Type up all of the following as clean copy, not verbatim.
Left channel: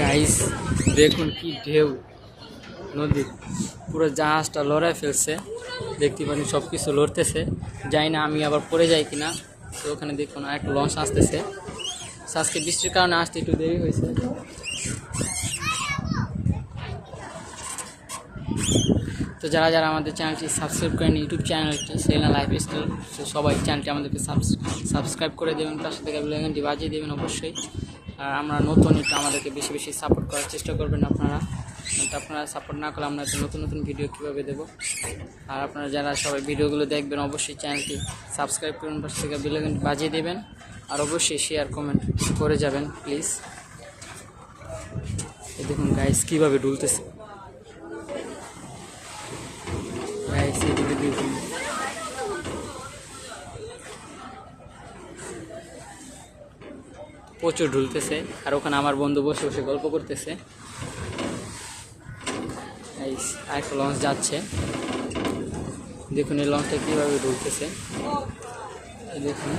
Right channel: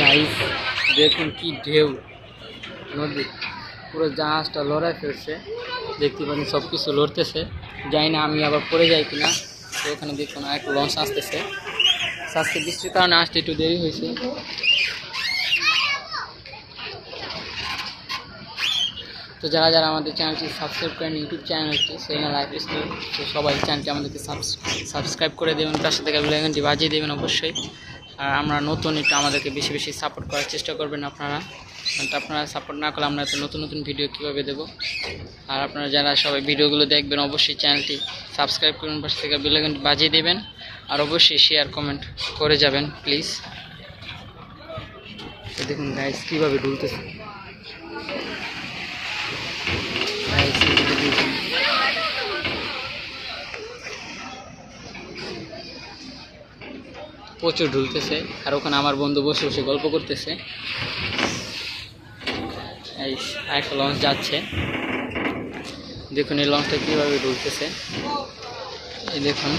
Guys দেখুন কি ঢেউ নদী, পুরো জাহাজটা লড়াই ফেলছে। দেখতে পারেন সব কিছু লড়তেছে, যাই না আমি আবার পড়ে যাই কিনা। তো ওখানে দেখুন আর একটা লঞ্চ আসতেছে। আজকে বৃষ্টির কারণে আসতে একটু দেরি হয়েছে। তো যারা যারা আমাদের চ্যানেলটি সাবস্ক্রাইব করেন, ইউটিউব চ্যানেলটি সেনা লাইফ স্টোরি, তো সবাই চ্যানেলটি আমাদেরকে সাবস্ক্রাইব করে দেবেন, পাশে থেকে বেল আইকনটি বাজিয়ে দেবেন অবশ্যই। আর আমরা নতুন একটু আমাদেরকে বেশি বেশি সাপোর্ট করার চেষ্টা করবেন আপনারা। আপনারা সাপোর্ট না করলে আমরা তো নতুন নতুন ভিডিও কীভাবে দেবো। আর আপনারা যারা সবাই ভিডিওগুলো দেখবেন অবশ্যই চ্যানেলটি সাবস্ক্রাইব করবেন, পাশে থেকে বেল আইকনটি বাজিয়ে দেবেন। আর অবশ্যই শেয়ার কমেন্ট করে যাবেন প্লিজ। তো দেখুন গাইস কীভাবে ডুলতেছে। প্রচুর ঢুলতেছে, আর ওখানে আমার বন্ধু বসে বসে গল্প করতেছে। এই আরেকটা লঞ্চ যাচ্ছে, দেখুন এই লঞ্চটা কীভাবে ঢুলতেছে। এই দেখুন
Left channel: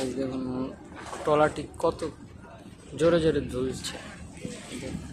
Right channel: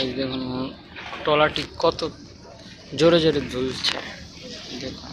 এই দেখুন ট্রলারটি কত জোরে জোরে ঝুলছে দেখুন।